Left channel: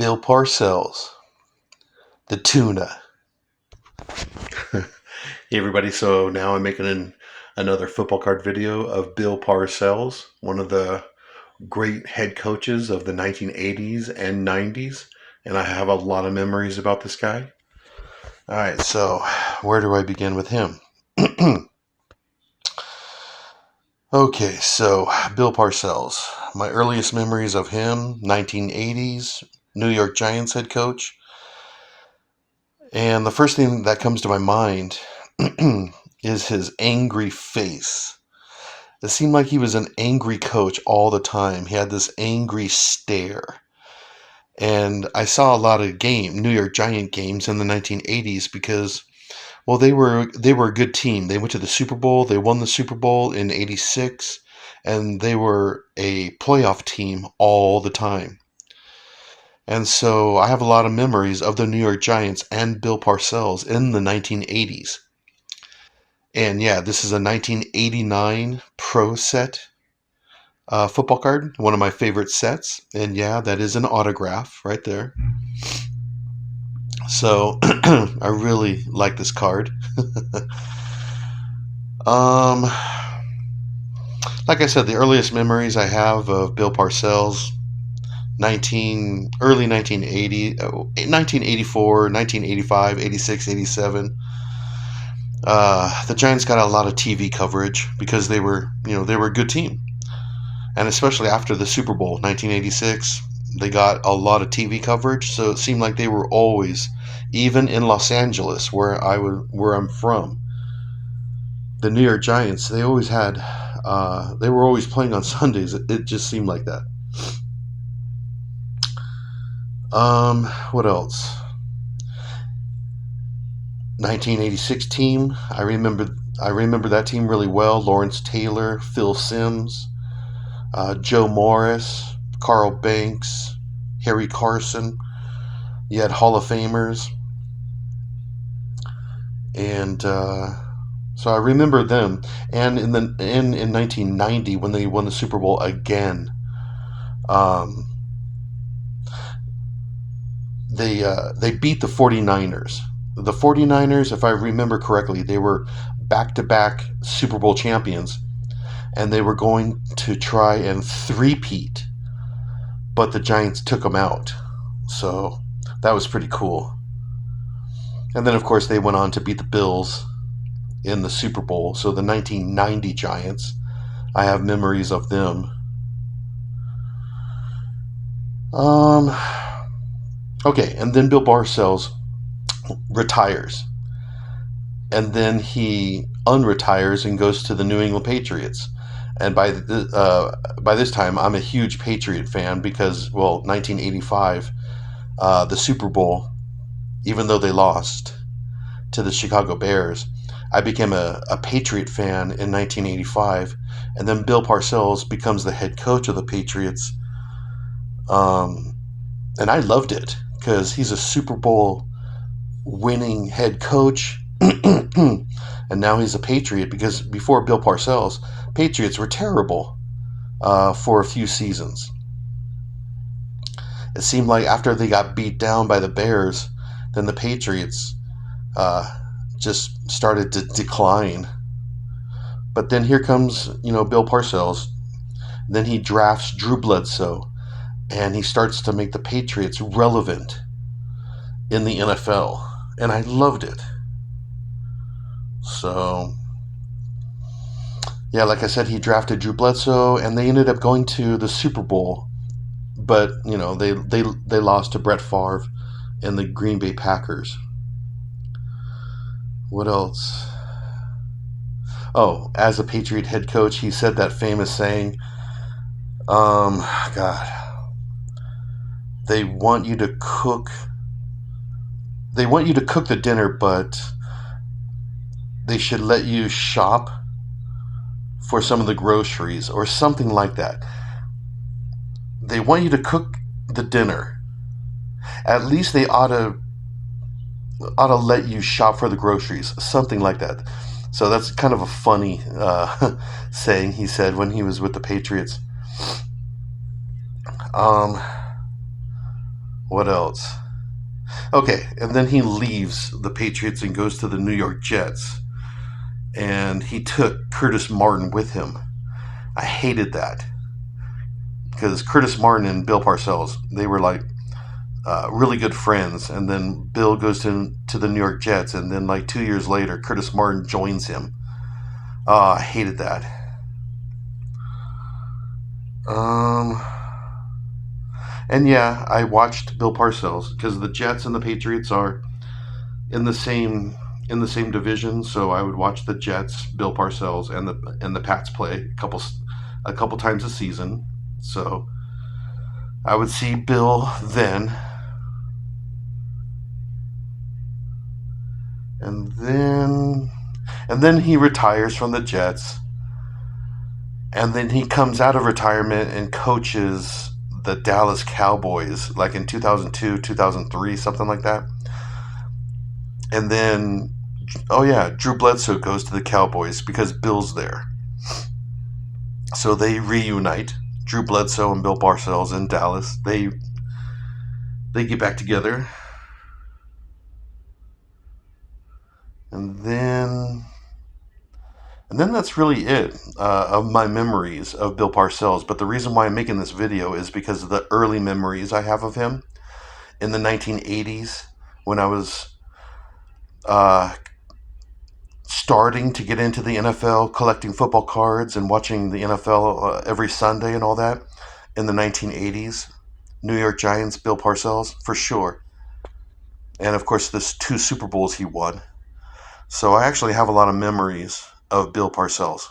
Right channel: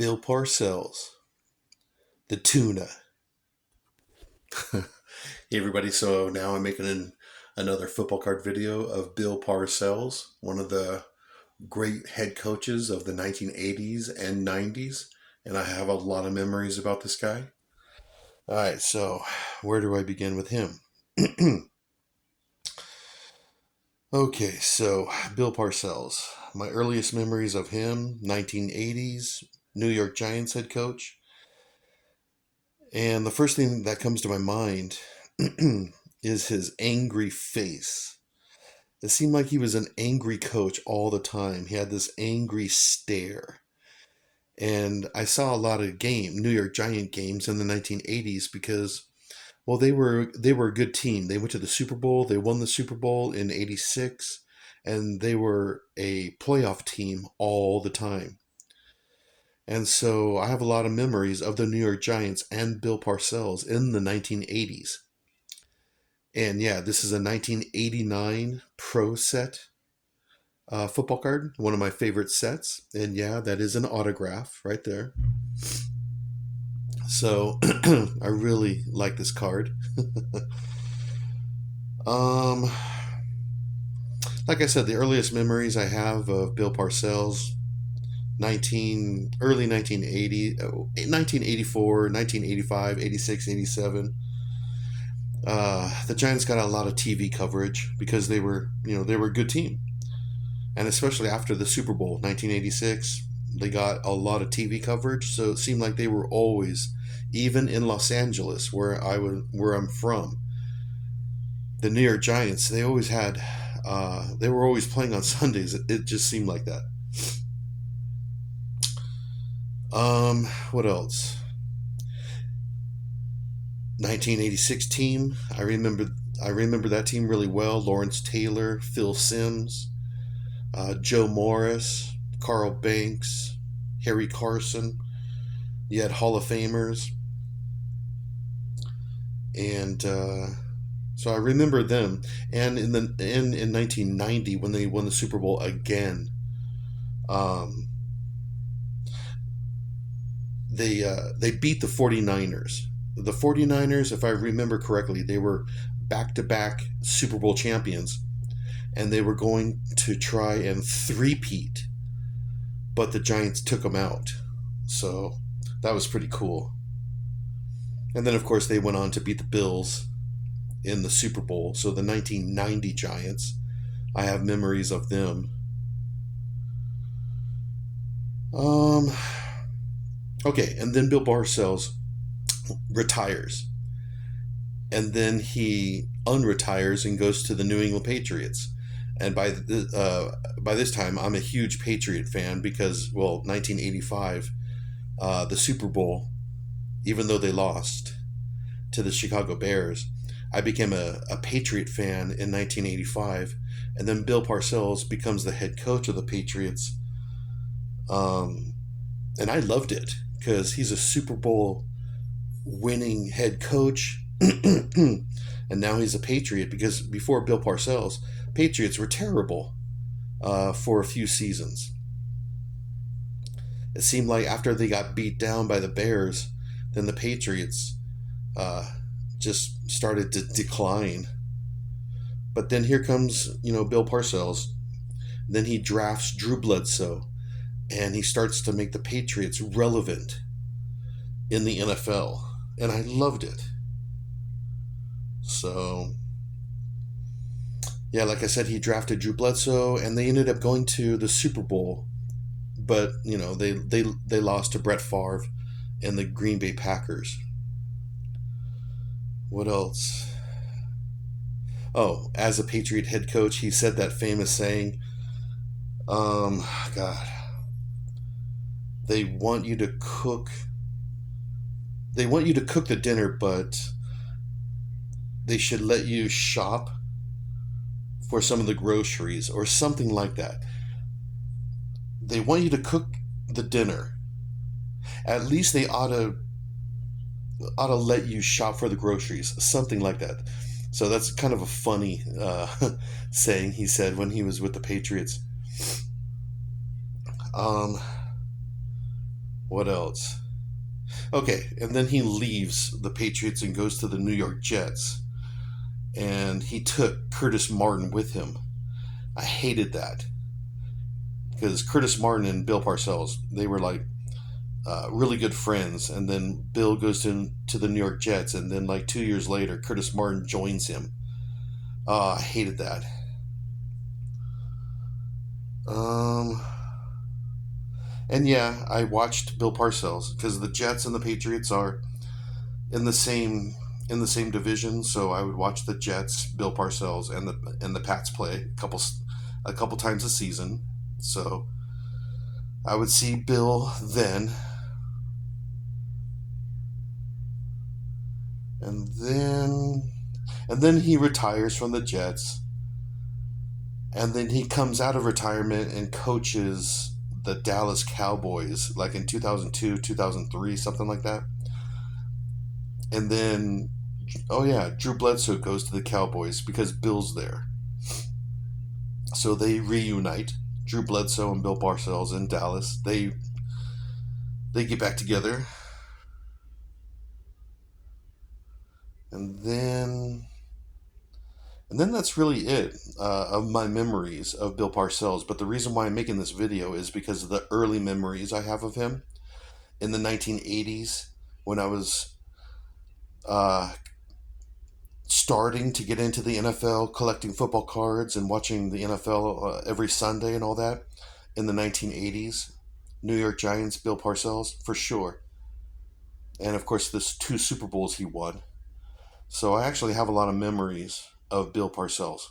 Bill Parcells, the tuna. Hey everybody, so now I'm making another football card video of Bill Parcells, one of the great head coaches of the 1980s and 90s, and I have a lot of memories about this guy. All right, so where do I begin with him? Okay, so Bill Parcells. My earliest memories of him, 1980s, New York Giants head coach. And the first thing that comes to my mind is his angry face. It seemed like he was an angry coach all the time. He had this angry stare. And I saw a lot of New York Giant games in the 1980s because, well, they were a good team. They went to the Super Bowl. They won the Super Bowl in 86, and they were a playoff team all the time. And so I have a lot of memories of the New York Giants and Bill Parcells in the 1980s. And yeah, this is a 1989 Pro set football card, one of my favorite sets. And yeah, that is an autograph right there. So I really like this card. um, like I said, the earliest memories I have of Bill Parcells, early 1980, 1984, 1985, 86, 87. The Giants got a lot of TV coverage because they were a good team. And especially after the Super Bowl 1986, they got a lot of TV coverage, so it seemed like they were always, even in Los Angeles where I'm from, the New York Giants, they always had they were always playing on Sundays. It just seemed like that. What else? 1986 team. I remember that team really well. Lawrence Taylor, Phil Simms, Joe Morris, Carl Banks, Harry Carson. You had Hall of Famers, and so I remember them. And in 1990 when they won the Super Bowl again, um, they beat the 49ers. The 49ers, if I remember correctly, they were back-to-back Super Bowl champions, and they were going to try and three-peat, but the Giants took them out. So that was pretty cool. And then, of course, they went on to beat the Bills in the Super Bowl. So the 1990 Giants, I have memories of them. Okay, and then Bill Parcells retires. And then he unretires and goes to the New England Patriots. And by this time, I'm a huge Patriot fan because, well, 1985, the Super Bowl, even though they lost to the Chicago Bears, I became a Patriot fan in 1985. And then Bill Parcells becomes the head coach of the Patriots. And I loved it because he's a Super Bowl winning head coach. And now he's a Patriot because before Bill Parcells, Patriots were terrible for a few seasons. It seemed like after they got beat down by the Bears, then the Patriots just started to decline. But then here comes, Bill Parcells. Then he drafts Drew Bledsoe, and he starts to make the Patriots relevant in the NFL. And I loved it. So, yeah, like I said, he drafted Drew Bledsoe, and they ended up going to the Super Bowl. But, they lost to Brett Favre and the Green Bay Packers. What else? Oh, as a Patriot head coach, he said that famous saying, God, they want you to cook the dinner, but they should let you shop for some of the groceries or something like that. They want you to cook the dinner. At least they ought to let you shop for the groceries, something like that. So that's kind of a funny saying he said when he was with the Patriots. What else? Okay, and then he leaves the Patriots and goes to the New York Jets. And he took Curtis Martin with him. I hated that because Curtis Martin and Bill Parcells, they were like really good friends. And then Bill goes to the New York Jets, and then like 2 years later, Curtis Martin joins him. I hated that. Um, and yeah, I watched Bill Parcells because the Jets and the Patriots are in the same division. So I would watch the Jets, Bill Parcells, and the Pats play a couple times a season. So I would see Bill then, and then he retires from the Jets, and then he comes out of retirement and coaches the Dallas Cowboys like in 2002, 2003, something like that. And then oh yeah, Drew Bledsoe goes to the Cowboys because Bill's there. So they reunite. Drew Bledsoe and Bill Parcells in Dallas. They get back together. And then that's really it of my memories of Bill Parcells. But the reason why I'm making this video is because of the early memories I have of him in the 1980s when I was uh, starting to get into the NFL, collecting football cards and watching the NFL every Sunday and all that in the 1980s. New York Giants, Bill Parcells, for sure. And of course, the 2 Super Bowls he won. So I actually have a lot of memories of Bill Parcells.